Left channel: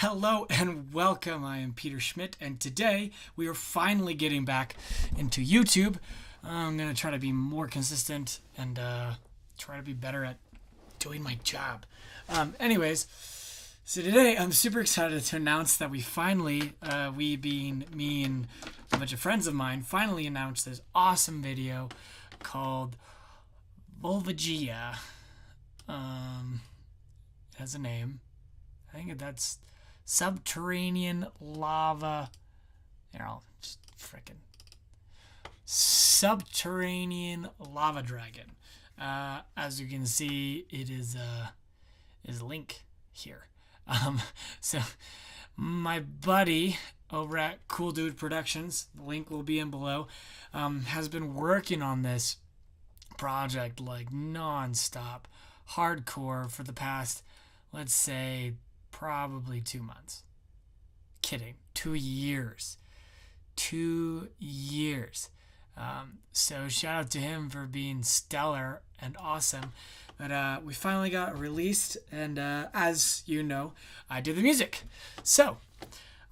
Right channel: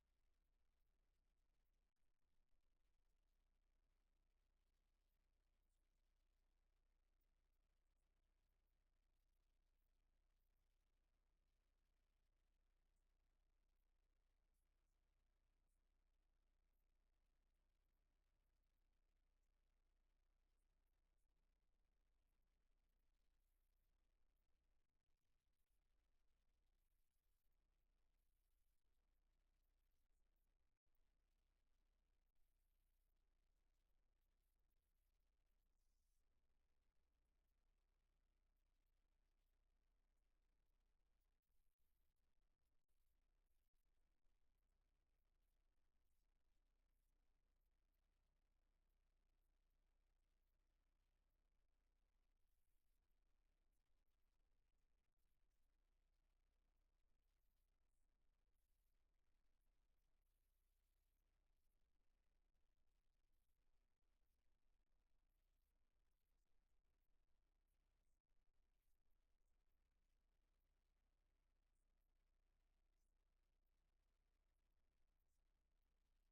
Hello and welcome. I am Peter Schmidt, and today we are finally getting back into YouTube. I'm going to try to be more consistent and try to be better at doing my job. Anyways, so today I'm super excited to announce that we finally, we being me and a bunch of friends of mine, finally announced this awesome video called Volvagia. It has a name. I think that's subterranean lava. Here, I'll just frickin' subterranean lava dragon. As you can see, it is link here. So my buddy over at Cool Dude Productions, the link will be in below, has been working on this project like non-stop, hardcore for the past, let's say, probably 2 months. Kidding. 2 years. 2 years. So shout out to him for being stellar and awesome. But we finally got released, and as you know, I do the music. So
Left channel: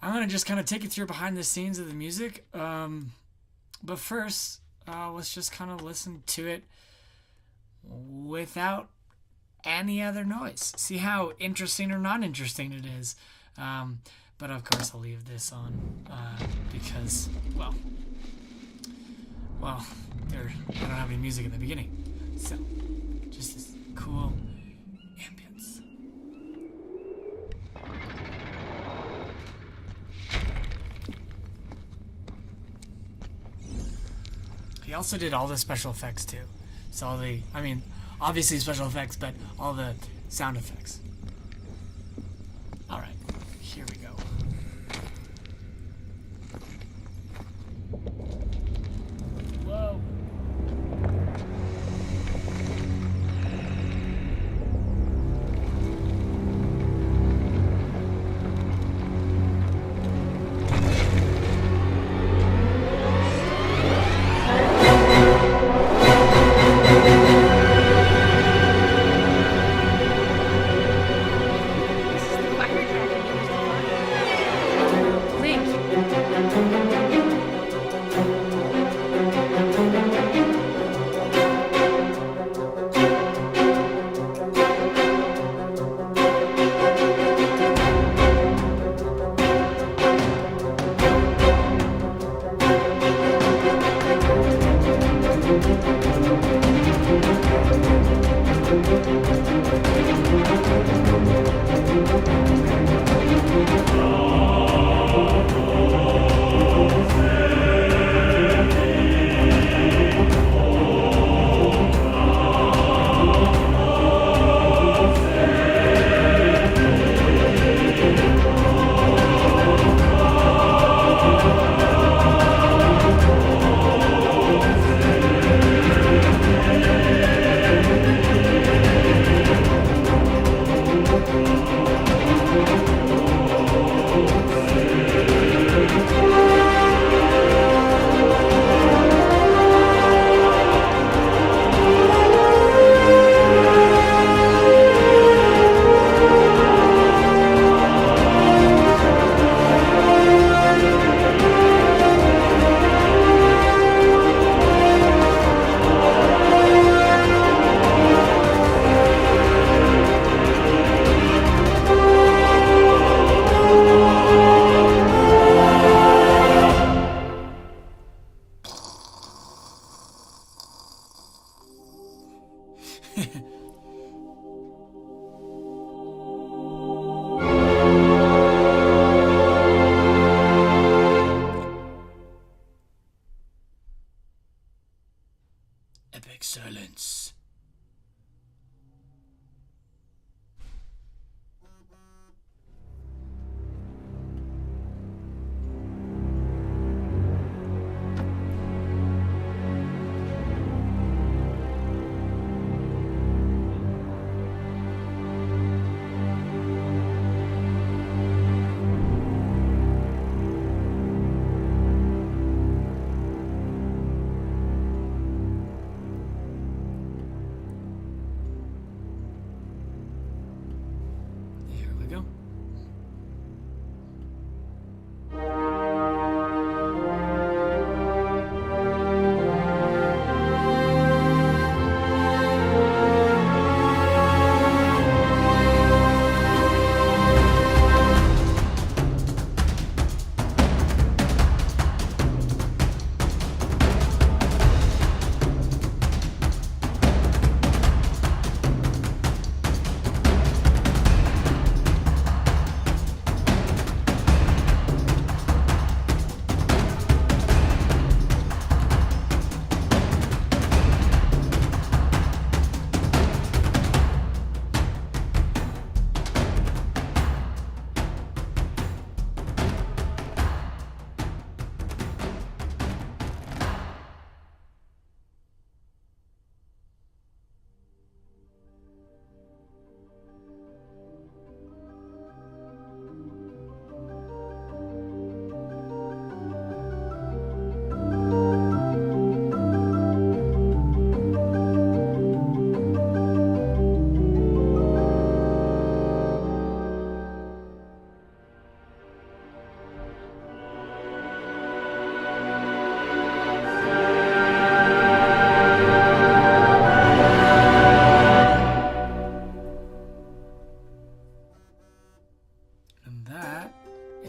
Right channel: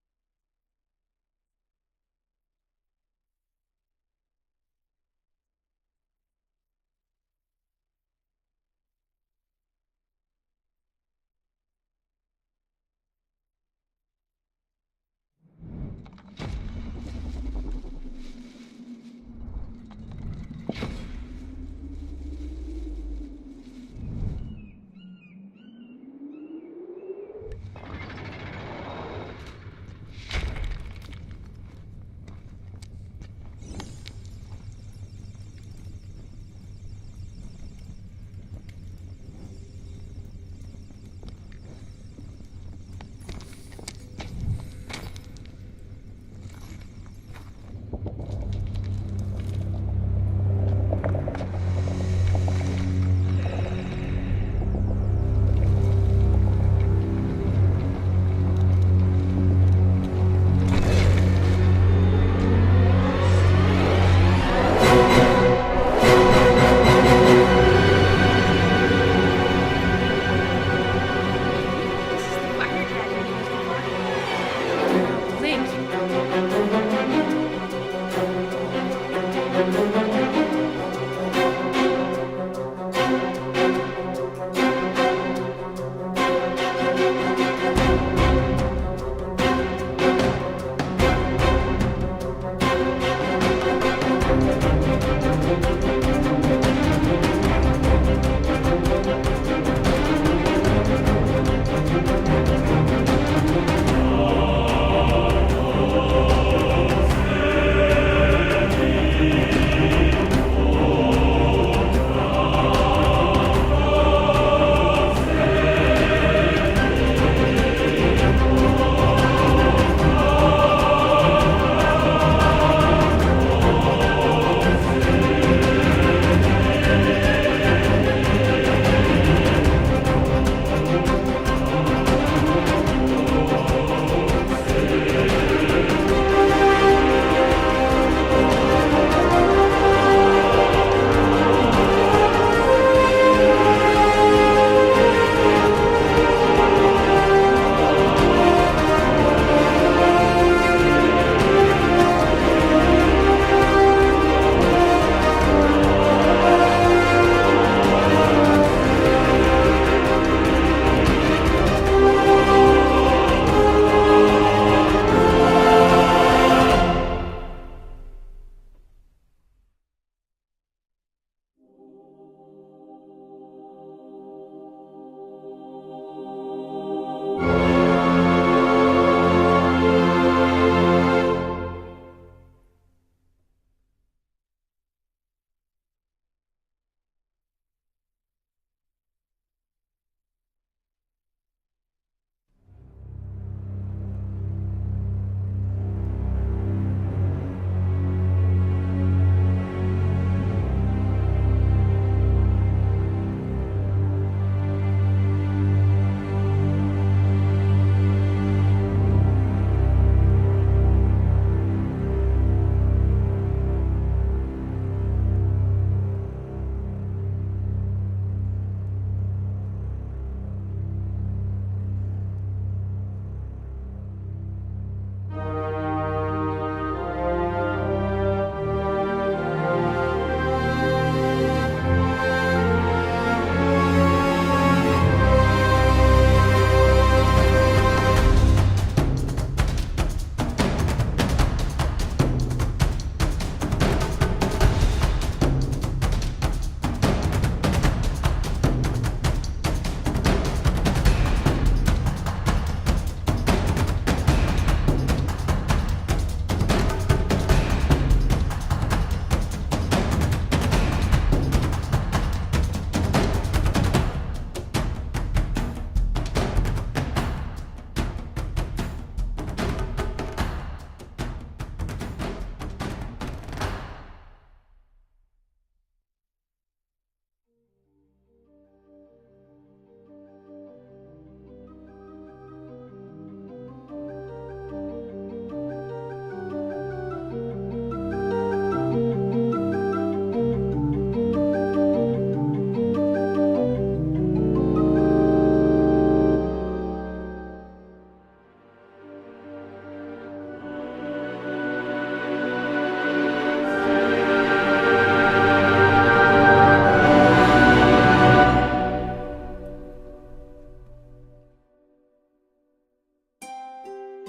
I'm going to just kind of take you through behind the scenes of the music. But first, let's just kind of listen to it without any other noise. See how interesting or not interesting it is. But of course I'll leave this on because, well, they don't have any music in the beginning. So, just this cool ambience. He also did all the special effects too. So all the, obviously special effects, but all the sound effects. Alright, here we go. Whoa.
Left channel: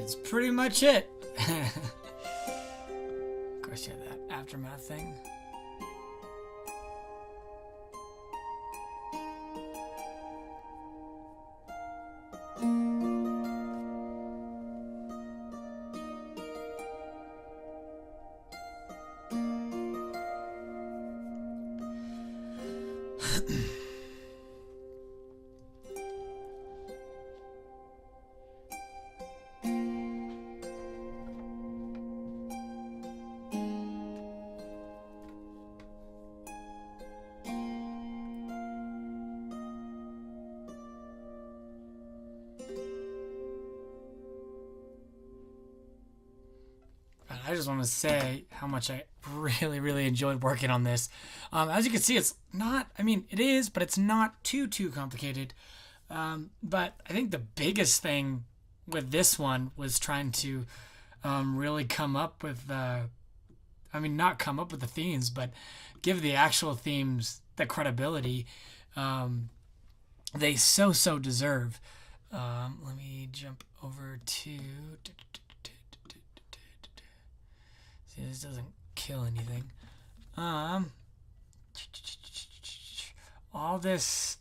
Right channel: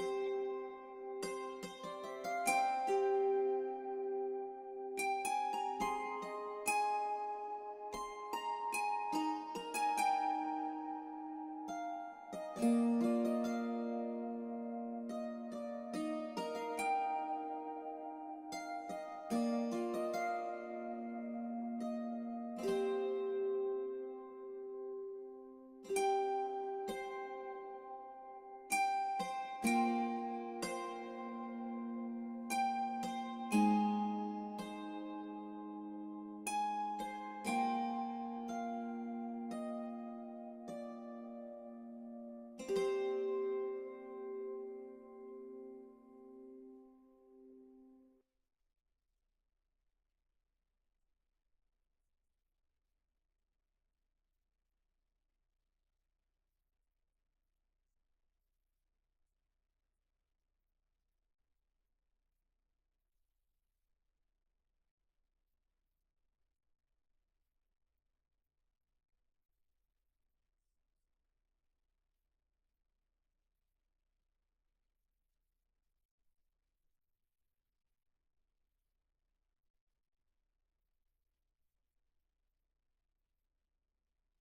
that's pretty much it. Of course, you have that aftermath thing. I just want to say how much I really enjoyed working on this. As you can see, it's not, I mean, it is, but it's not too complicated. But I think the biggest thing with this one was trying to really come up with, not come up with the themes, but give the actual themes the credibility they so deserve. Let me jump over to... See, this doesn't kill anything. All this...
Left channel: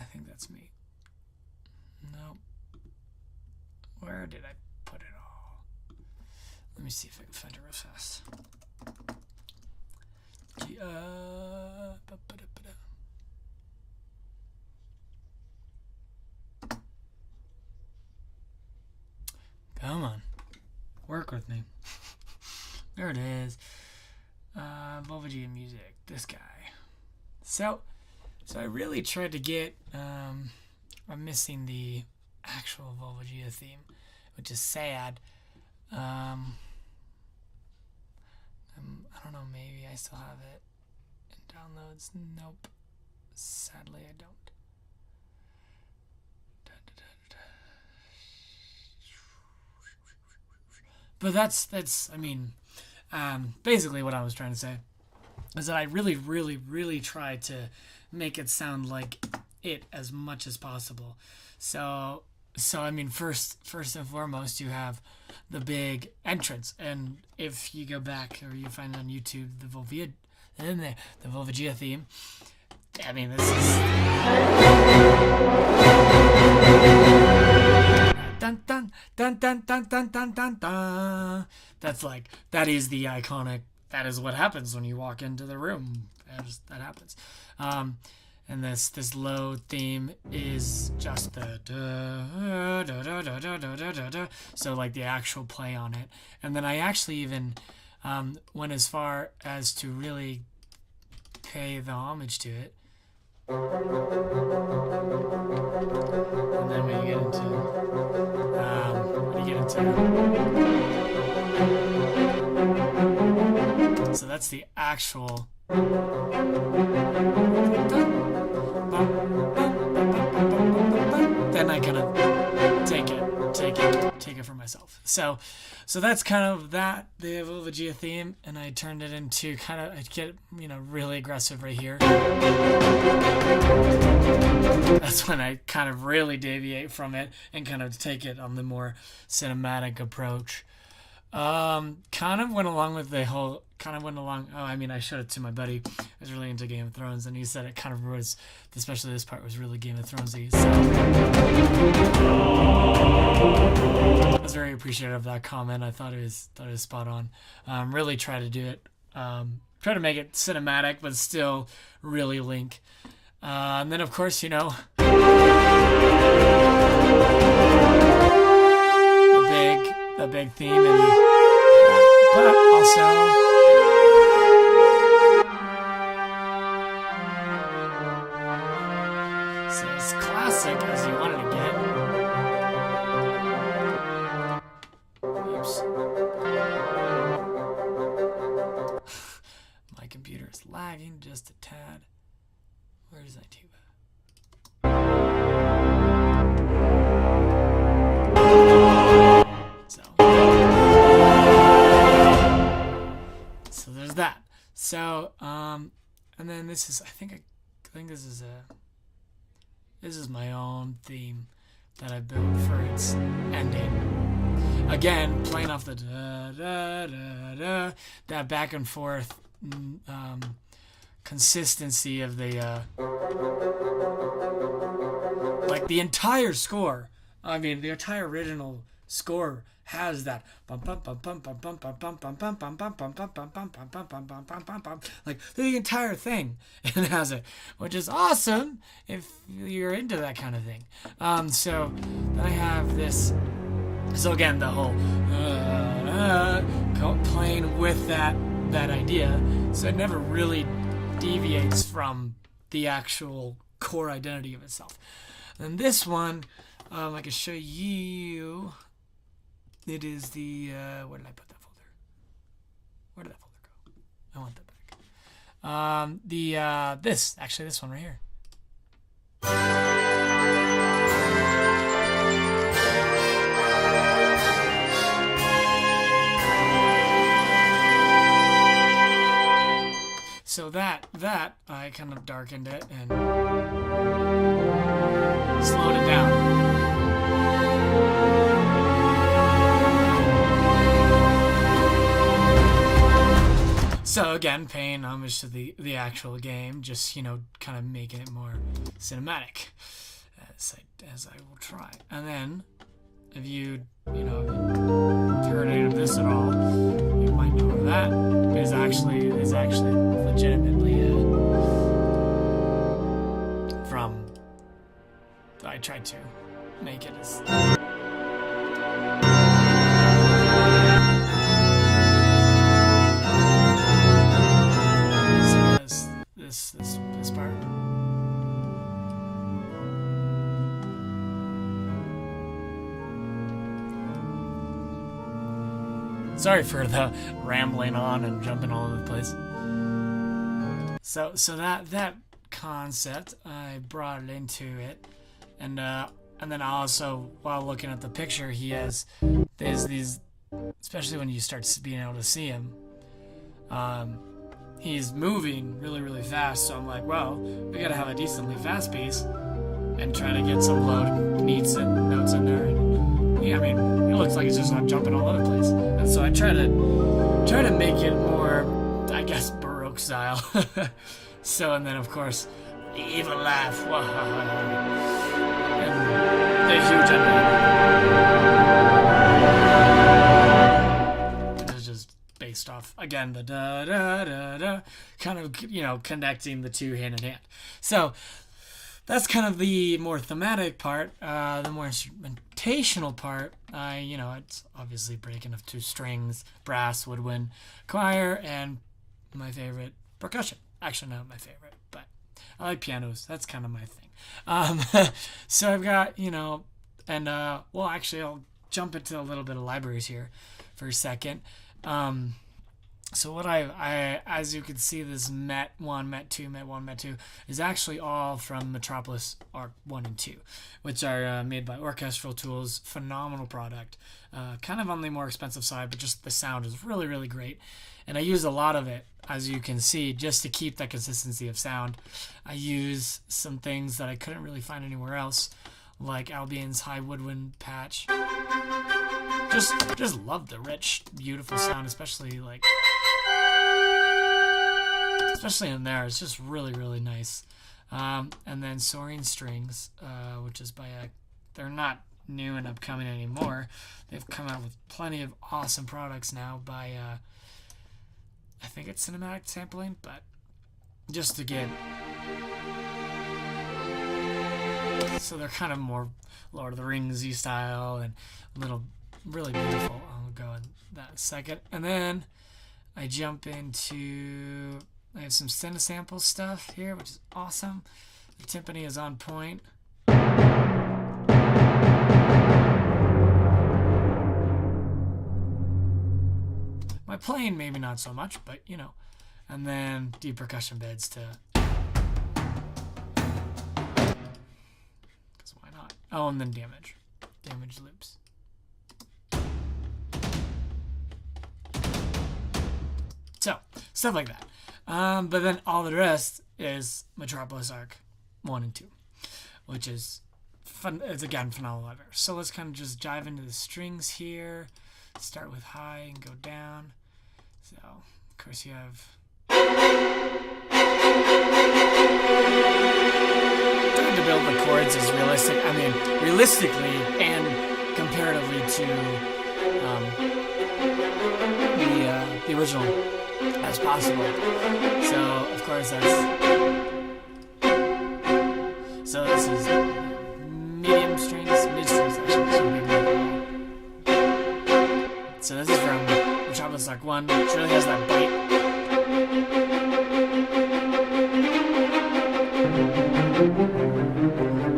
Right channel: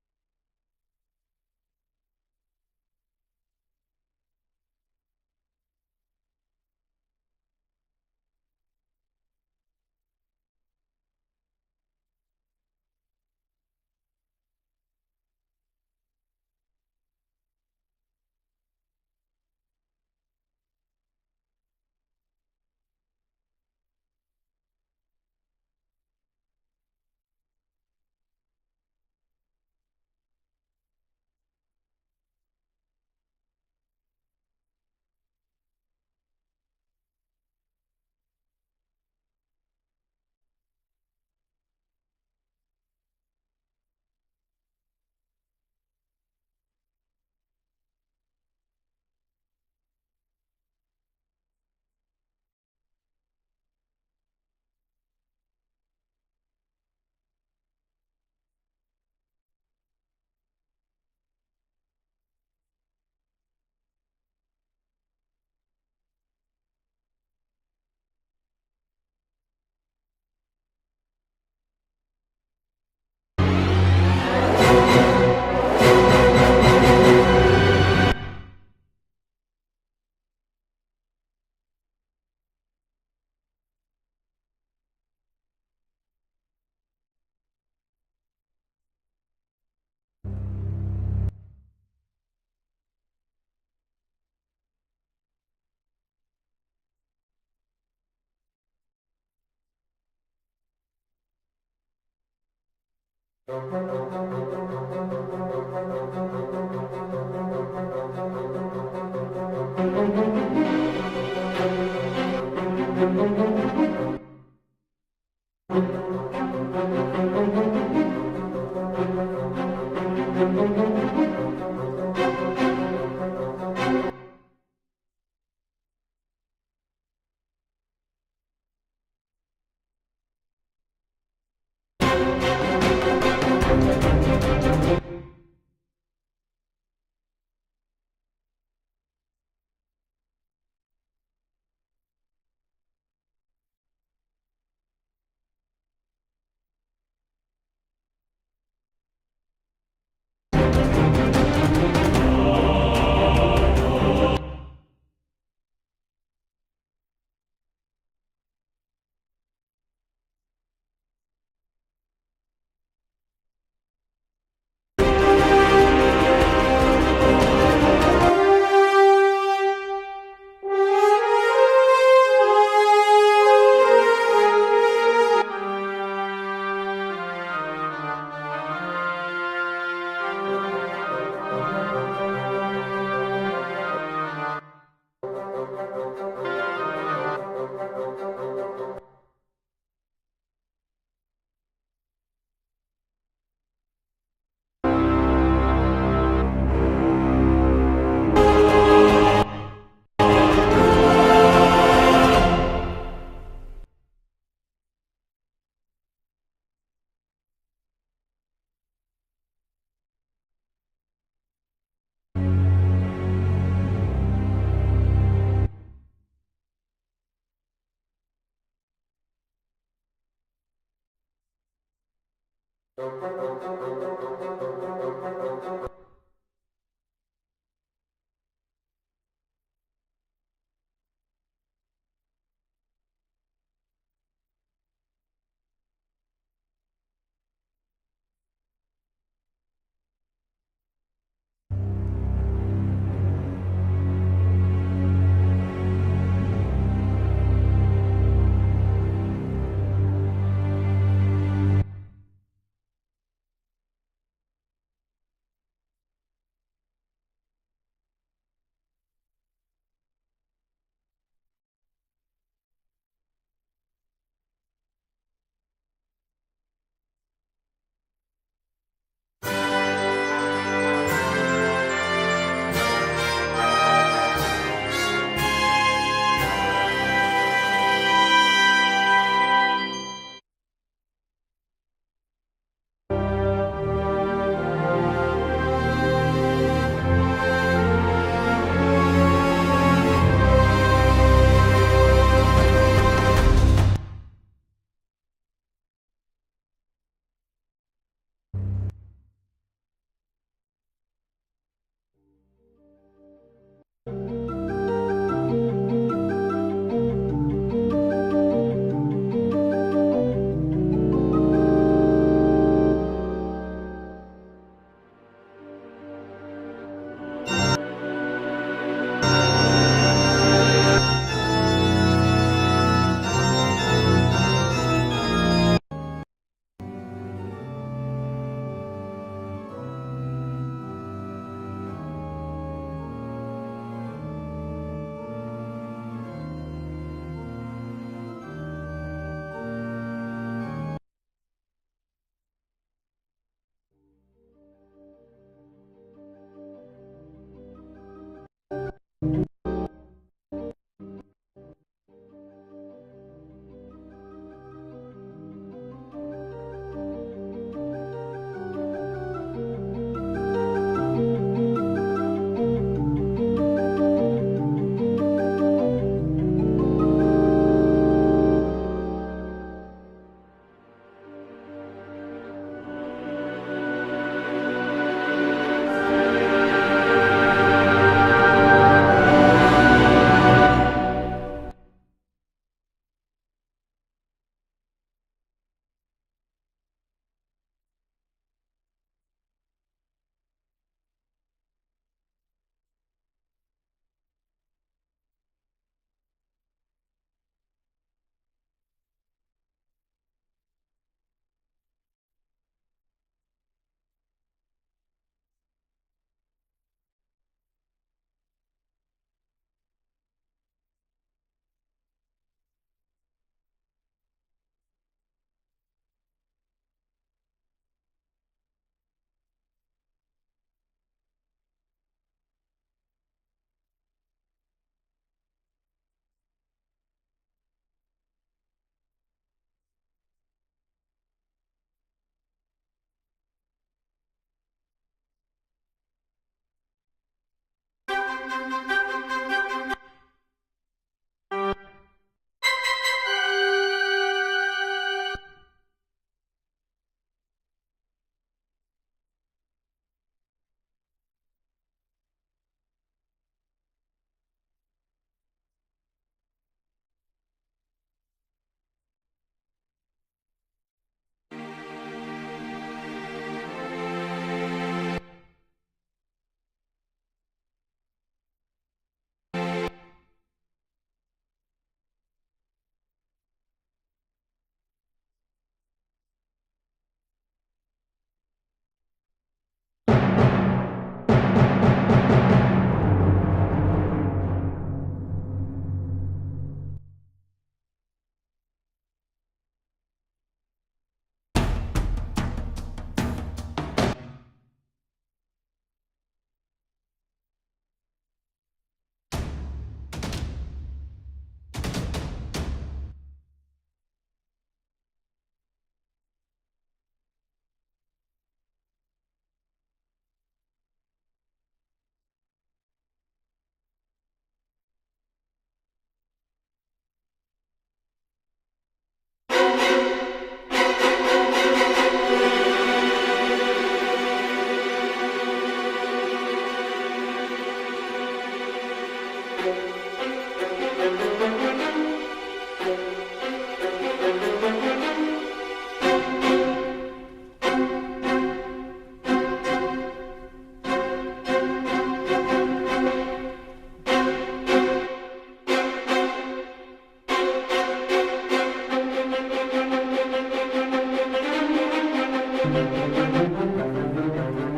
I think that's me. Nope. Where did I put it all? Let me see if I can find it real fast. Come on. Work with me. There it is. Volvagia music. This guy. So I really tried to get... I'm missing the actual Volvagia theme, which is sad. I don't know, maybe I still have it in downloads. Nope. Sadly, I don't. But that's I mean, basically what I was trying to say is that I really tried to make it sound like it as much as possible. So I mean, first and foremost, you have the big entrance, and if you go back or you find it on YouTube, the Volvagia theme. I mean, this is dun dun dun dun dun dun dun dun dun. That's like, that is the iconic. That is what happens when you walk into the room. That happens. And this low theme is just the da, da, da, da, da, da, da, da, da. So like the actual play on it. And then I actually even went as far as to really pay the homage to it. And then when you get into so that's the actual. Then I kind of take it for myself. So that's kind of that, the Volvagia theme, and I turned it into kind of, I get, really aggressive right here. That's when I kind of really deviate from it and kind of take it on the more cinematic approach. Kind of went along with the whole, I showed it to my buddy. I was really into Game of Thrones, and he said it kind of was, especially this part was really Game of Thronesy. So I was very appreciative of that comment. I thought it was spot on. Really try to do it, try to make it cinematic, but still really Link. And then of course, the big theme, but also as classic as you want it to get. Oops. My computer is lagging just a tad. Where's that tuba? So there's that. So and then this is, I think this is my own theme that I built for its ending. again, playing off the da da da da, that back and forth consistency of the like the entire score. I mean, the entire original score has that like the entire thing. It has it, which is awesome if you're into that kind of thing. So I have this. So again, the whole playing with that idea, so it never really deviates from the actual core identity of itself. And this one, I can show you. It is the where did I put that folder? Where did that folder go? I want that back. This one right here. So that I kind of darkened it and slowed it down. So again, paying homage to the actual game, just kind of making it more cinematic, as I will try. And then, if you heard any of this at all, you might know that is actually legitimately from. I tried to make it as. This part. Sorry for the rambling on and jumping all over the place. So that concept, I brought it into it, and then also while looking at the picture, there's these, especially when you start being able to see him. He's moving really, really fast, so I'm like, well, we gotta have a decently fast piece and try to get some low beats and notes in there. Yeah, I mean, it looks like it's just not jumping all over the place. And so I try to make it more, I guess, Baroque style. So, and then of course, the evil laugh. It's just based off again the da da da da, kind of connecting the two hand in hand. So that's kind of the more thematic part. The more instrumentational part, it's obviously breaking of two strings, brass, woodwind, choir, and my favorite, percussion. Actually, not my favorite, but I like pianos. That's kind of my thing. So I've got, and well, actually, I'll jump into a little bit of libraries here for a second. So what I as you can see, this Met 1, Met 2, Met 1, Met 2 is actually all from Metropolis Arc 1 and 2, which are made by Orchestral Tools. Phenomenal product. Kind of on the more expensive side, but just the sound is really, really great. And I use a lot of it, as you can see, just to keep that consistency of sound. I use some things that I couldn't really find anywhere else, like Albion's high woodwind patch. Just love the rich, beautiful sound, especially in there. It's just really, really nice. And then Soaring Strings, which is by they're not new and upcoming anymore. They've come out with plenty of awesome products now by I think it's cinematic sampling, but just to get, so they're kind of more Lord of the Ringsy style and little really beautiful. I'll go in that in a second. And then I jump into, I have some Cinesample stuff here, which is awesome. The timpani is on point. My playing maybe not so much, but and then deep percussion beds to, because why not? Oh, and then damage loops. So stuff like that. But then all the rest is Metropolis Arc 1 and 2, which is fun. It's again phenomenal lever. So let's kind of just dive into the strings here. Start with high and go down. So of course you have. Trying to build the chords is realistic. I mean, realistically and comparatively to the original as possible. So of course that's. So this is medium strings, mid strings. So this is from Metropolis Arc 1, which really has that bite.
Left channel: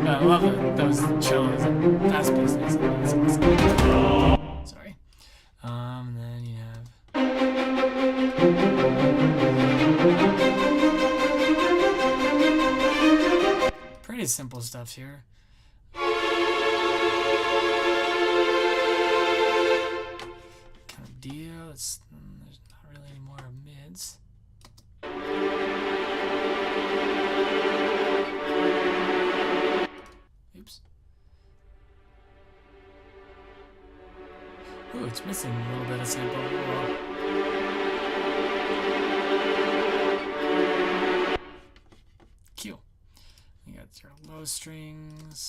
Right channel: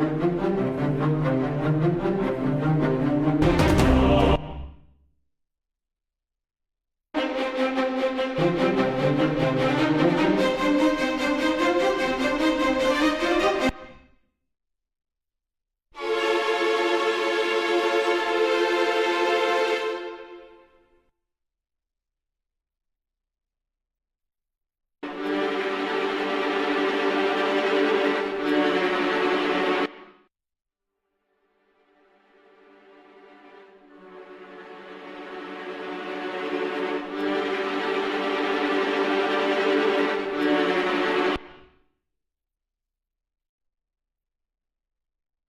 I love those chills and fast pieces. Sorry. And then you have. Pretty simple stuff here. Kind of deal. There's not really any more mids. Oops. Oh, it's missing a little bit of sample. Q. You got your low strings.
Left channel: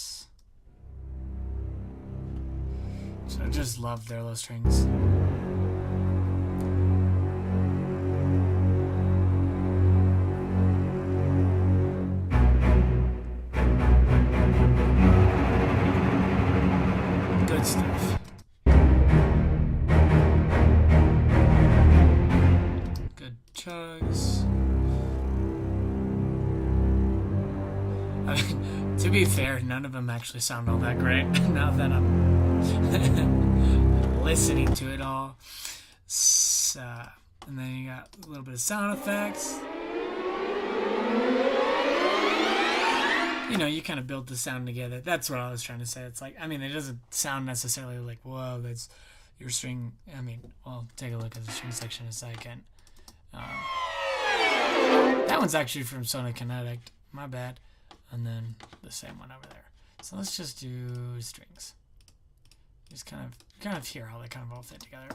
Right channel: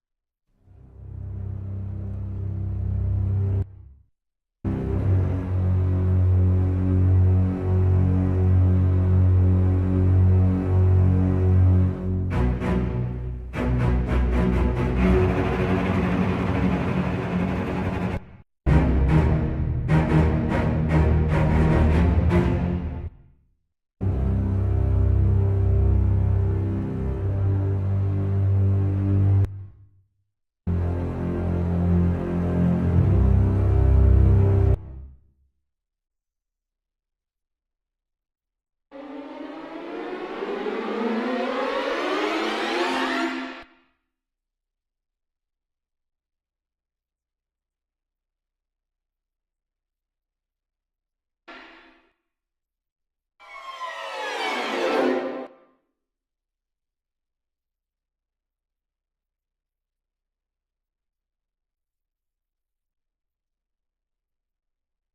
So I just love their low strings. Good stuff. Good chugs. To be fair, none of them actually sound all that great now that I'm listening to it all. So, and then you got a little bit of sound effects. You know, you kind of build the sound together. That's what I was trying to say. It's like, I mean, it doesn't sound necessarily like, whoa, that's your string. I mean, well, take a look at the string section in a second. That one's actually from Sonic Kinetic. My bad. And then the same one over there. So let's just do strings. Just kind of hear how they kind of all fit together.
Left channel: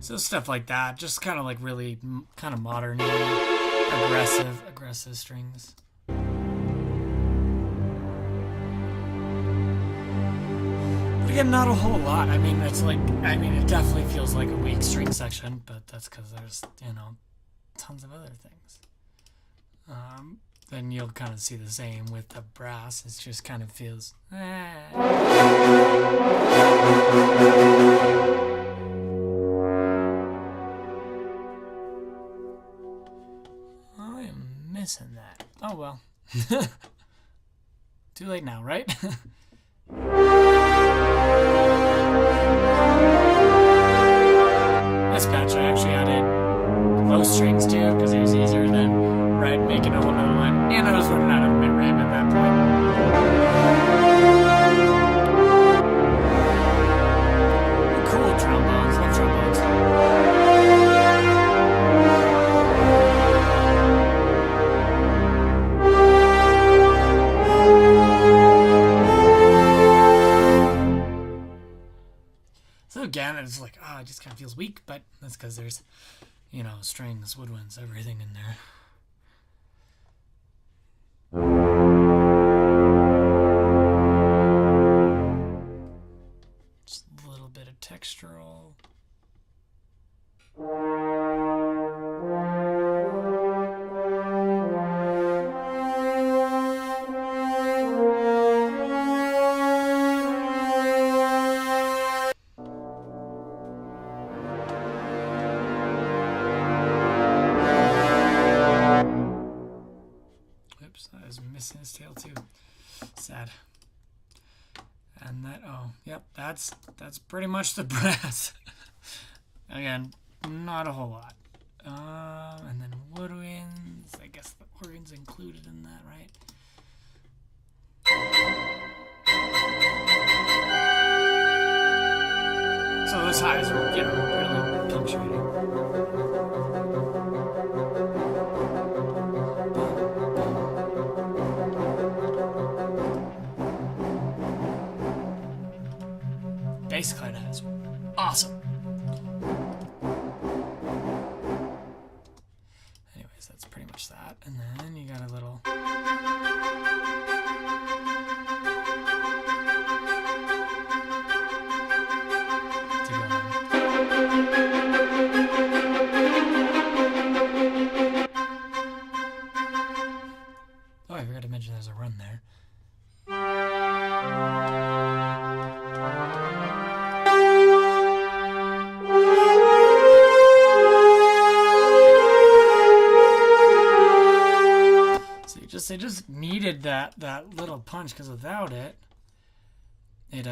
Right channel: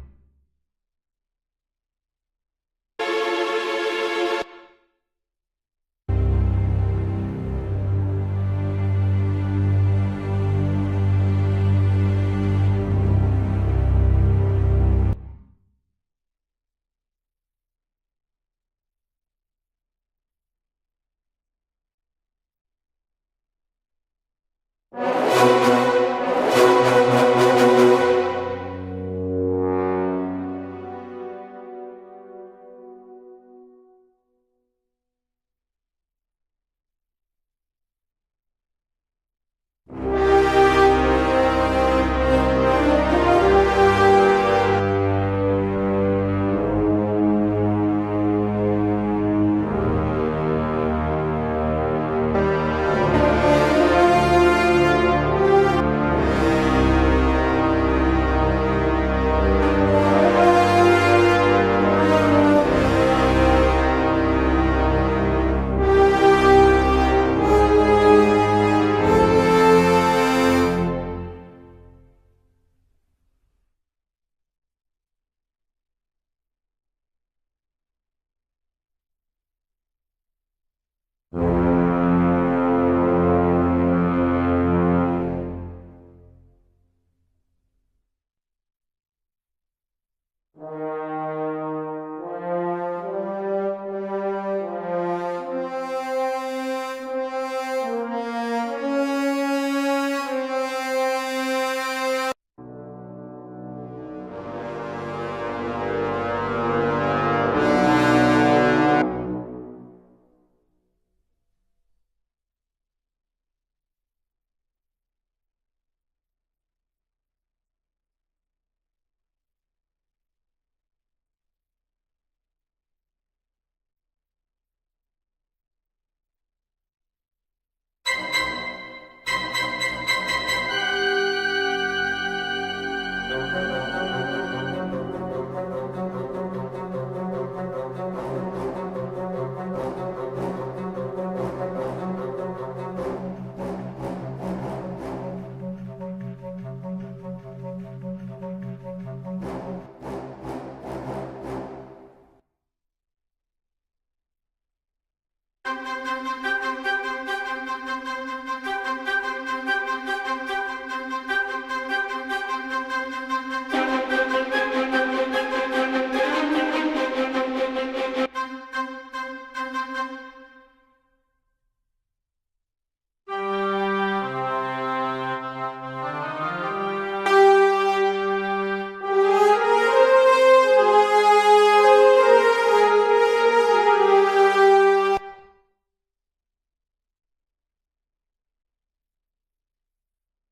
So stuff like that, just kind of like really kind of modern, aggressive strings. Again, not a whole lot. I mean, it's like, I mean, it definitely feels like a weak string section, but that's because there's, you know, tons of other things. Then you'll kind of see the same with the brass. It just kind of feels. I am missing that. Oh well. Too late now, right? This patch I actually added low strings too because it was easier than making a whole new one. And I was running out of mid-range at that point. Cool trombones, like trombones. So again, it's like, it just kind of feels weak, but that's because there's, you know, strings, woodwinds, everything in there. Just a little bit of textural. Oops, I was missing his tail too. Sad. And that, oh, yep, that's pretty much the brass. Again, not a whole lot. And then woodwinds. I guess the organ's included in that, right? So those highs will get pretty punctuated. Bass clan has awesome. Anyways, that's pretty much that. And then you got a little. Oh, I forgot to mention there's a run there. They just needed that little punch, because without it, it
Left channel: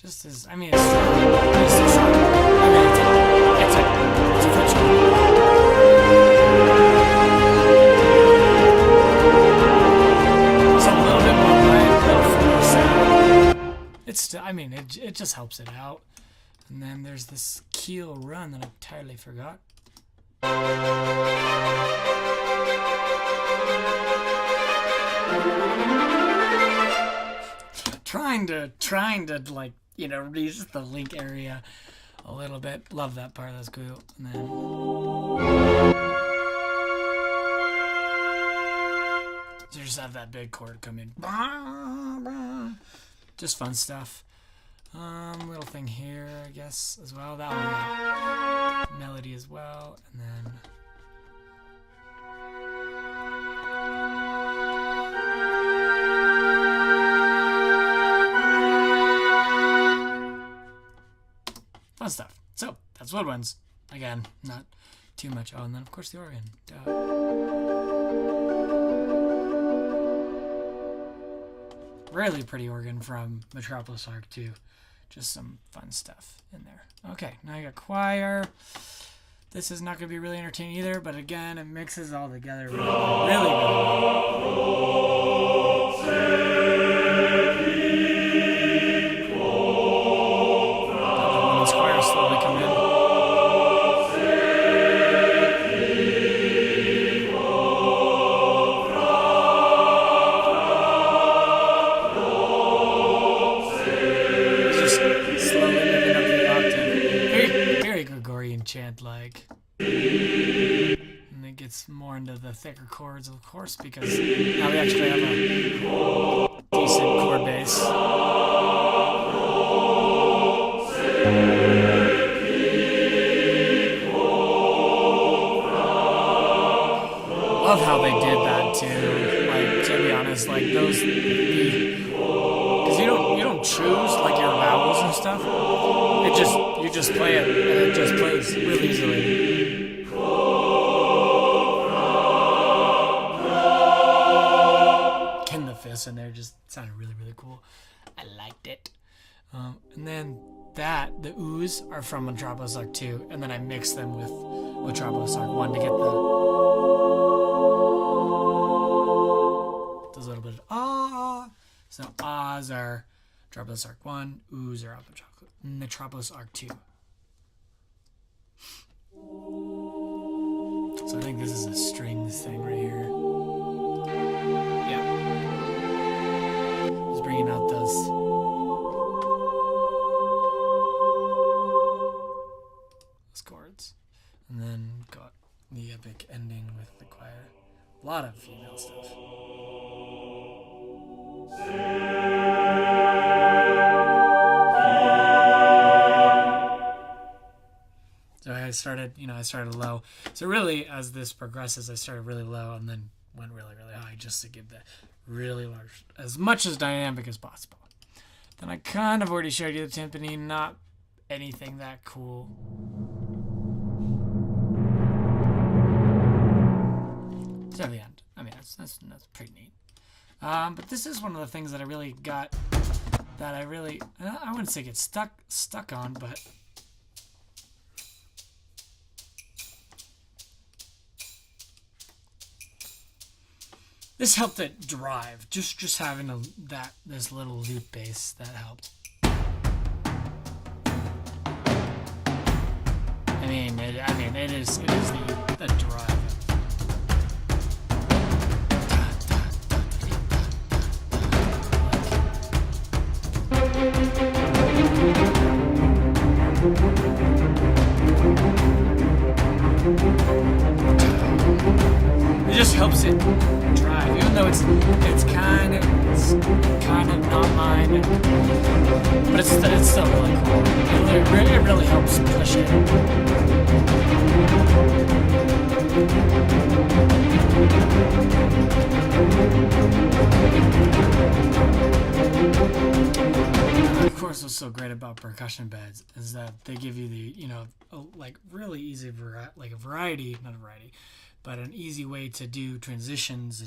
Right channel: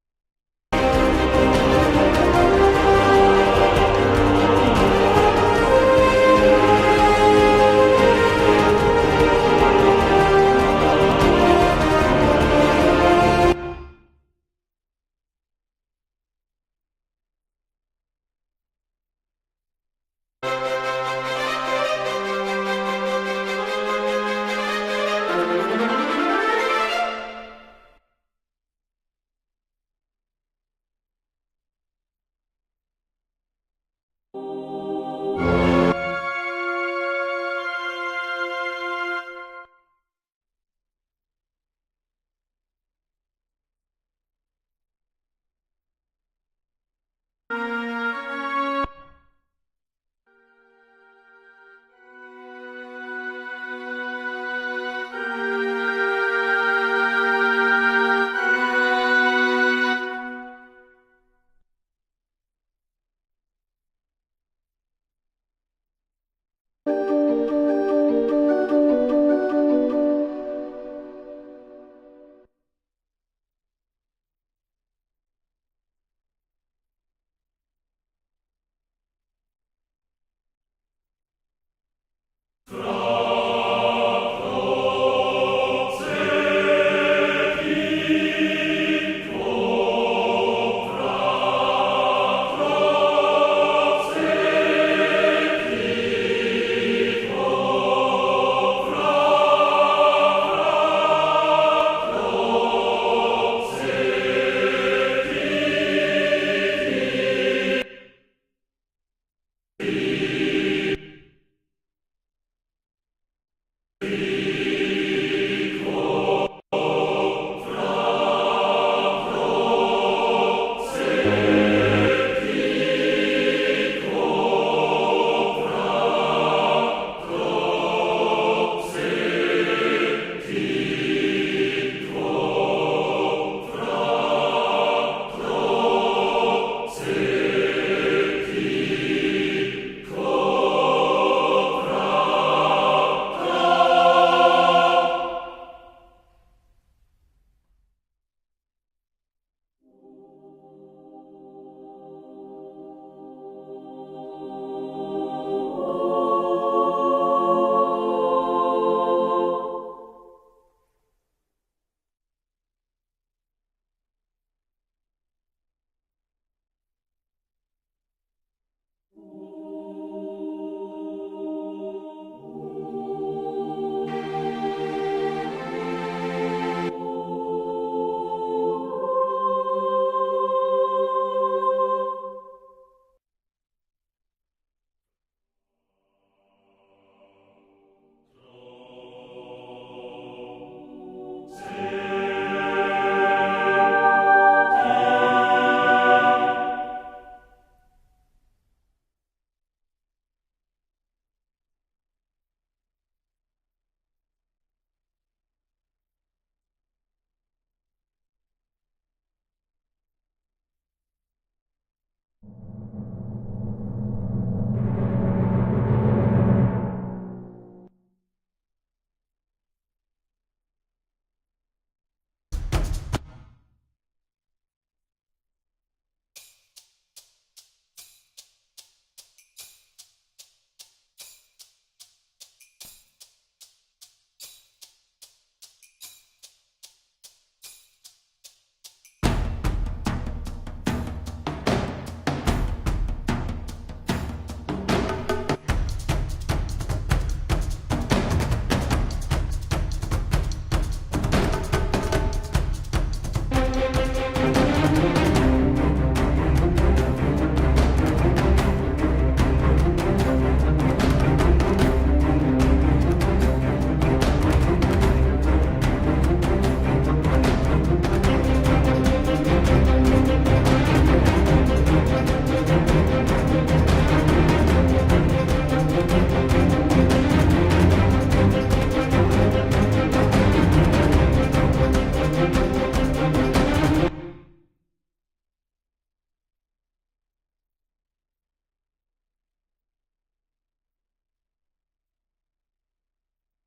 just is. I mean, it's I mean, it just helps it out. And then there's this keel run that I entirely forgot. Trying to like, you know, reach the link area a little bit. Love that part. That's cool. And then so you just have that big chord come in. Just fun stuff. Little thing here, I guess, as well. That one, melody as well, and then. Fun stuff. So, that's woodwinds. Again, not too much. Oh, and then, of course, the organ. Duh. Really pretty organ from Metropolis Arc 2. Just some fun stuff in there. Okay, now you got choir. This is not going to be really entertaining either, but again, it mixes all together really well. More into the thicker chords, of course, because now we actually have a decent chord base. Love how they did that too. Like, to be honest, like those, because you don't choose like your vowels and stuff. You just play it, and it just plays really easily. And they just sounded really, really cool. I liked it. And then the oohs are from Metropolis Arc 2, and then I mixed them with Metropolis Arc 1 to get those little bit of ah. So ahs are Metropolis Arc 1, oohs are Metropolis Arc 2. So I think this is a strings thing right here. Bringing out those chords, and then got the epic ending with the choir. A lot of female stuff. So I started low. So really, as this progresses, I started really low and then went really, really high just to give the really large, as much as dynamic as possible. Then I kind of already showed you the timpani, not anything that cool. To the end. I mean, that's pretty neat. But this is one of the things that I really got, that I wouldn't say get stuck on, but this helped it drive. Just having this little loop bass, that helped. It is the drive. It just helps it drive, even though it's kind of not mine, but it's still really cool. It really helps push it. Of course, what's so great about percussion beds is that they give you the, like really easy variety, not a variety, but an easy way to do transitions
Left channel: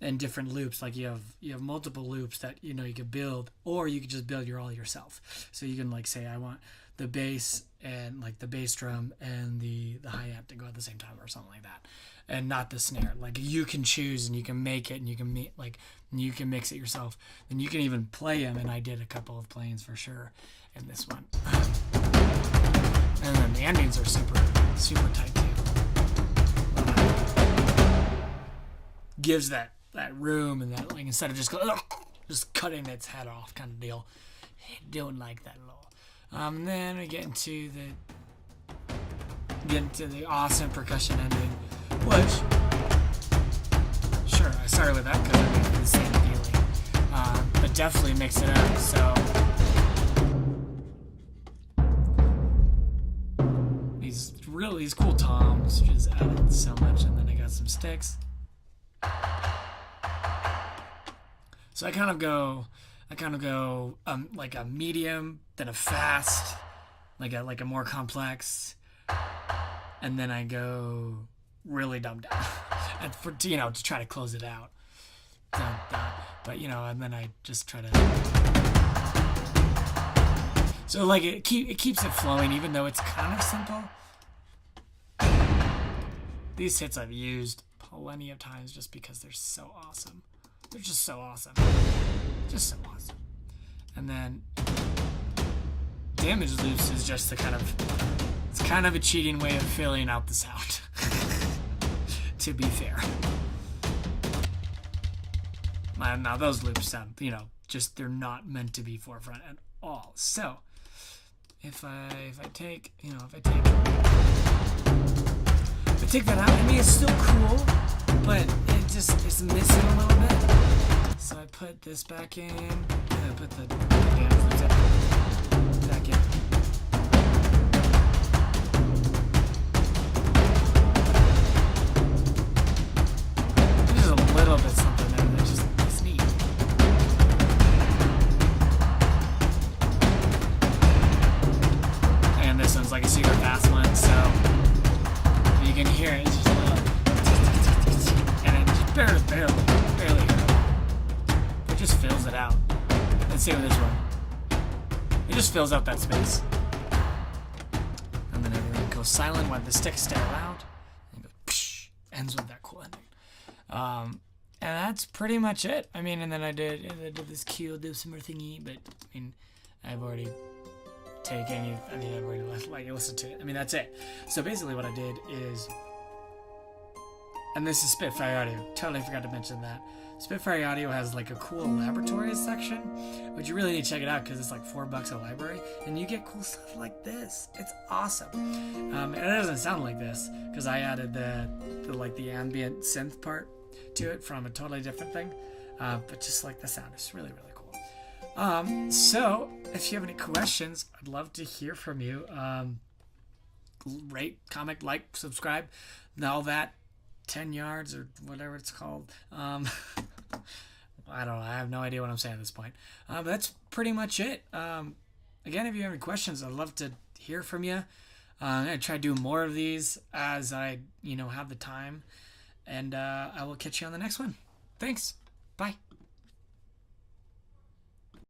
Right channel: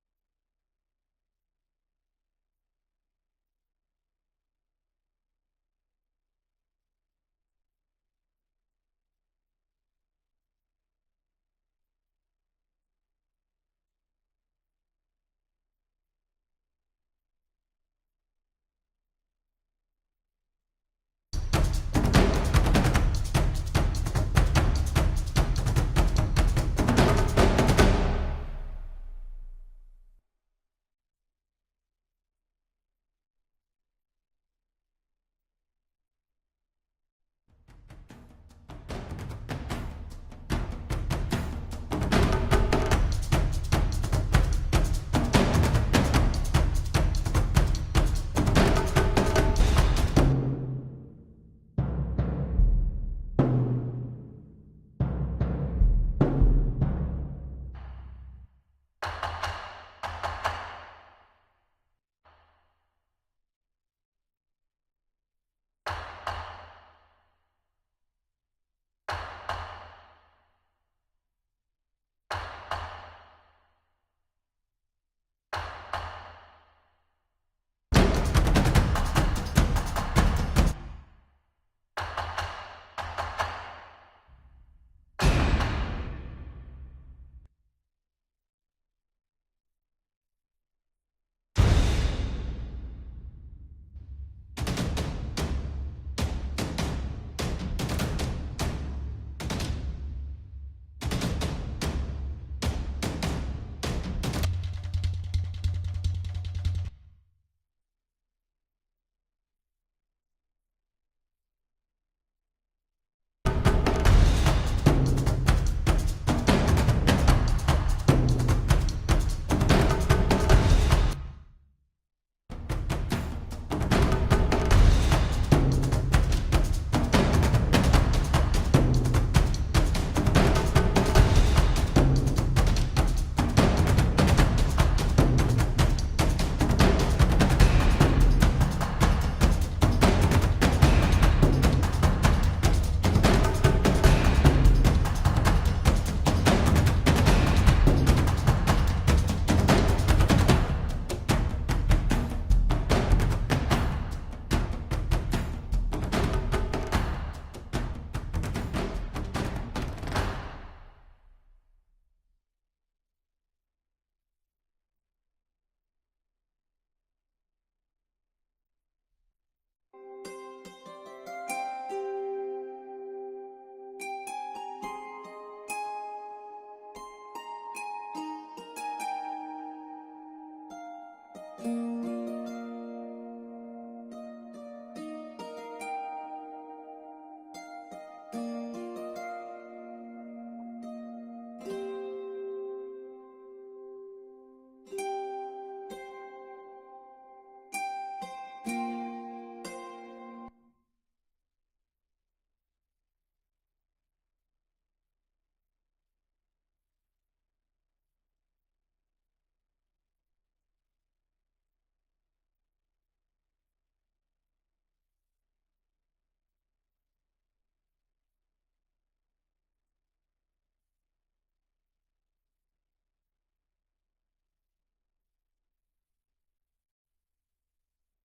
and different loops. Like you have multiple loops that you could build, or you could just build all yourself. So you can like say, I want the bass and like the bass drum and the hi-hat to go at the same time or something like that, and not the snare. Like you can choose and you can make it, and you can mix it yourself, and you can even play them. And I did a couple of playings for sure in this one. And then the endings are super tight. Gives that room, and that, like, instead of just cutting its head off kind of deal. I don't like that at all. And then we get into the awesome percussion ending, which, sure, I started with that because I did the same feeling. But definitely mix it up. So these cool toms just added so much, and then I got some sticks. So I kind of go like a medium, then a fast, like a more complex, and then I go really dumbed down, and to try to close it out. But and then I just try to. So like it keeps it flowing, even though it's kind of simple. These hits I've used plenty of times just because they're so awesome. They're just so awesome. Just so awesome. And then damage loops is just it's kind of a cheating way of filling out the sound. To be fair. Now those loops sound, they're not meant to be forefront at all. So if I take that out, I mean, it's still cool, but it just is missing a little bit. So I put this back in, and I put the back in. Just a little bit something that just neat. And this one's like a super fast one, so you can hear it. It's just barely. It just fills it out. Let's see what this one. It just fills out that space. And then it goes silent when the sticks stay loud. And it goes, ends with that cool ending. And that's pretty much it. I mean, and then I did this cute dip simmer thingy, but I mean, I've already taken you. I mean, I've already listened to it. I mean, that's it. So basically, what I did is, and this is Spitfire Audio. Totally forgot to mention that. Spitfire Audio has like a cool laboratory section, which you really need to check it out because it's like $4 a library, and you get cool stuff like this. It's awesome. And it doesn't sound like this because I added the ambient synth part to it from a totally different thing. But just like the sound, it's really cool. So if you have any questions, I'd love to hear from you. Rate, comment, like, subscribe, and all that. 10 yards or whatever it's called. I don't know. I have no idea what I'm saying at this point. But that's pretty much it. Again, if you have any questions, I'd love to hear from you. I'm going to try to do more of these as I, have the time. and I will catch you on the next one. Thanks. Bye.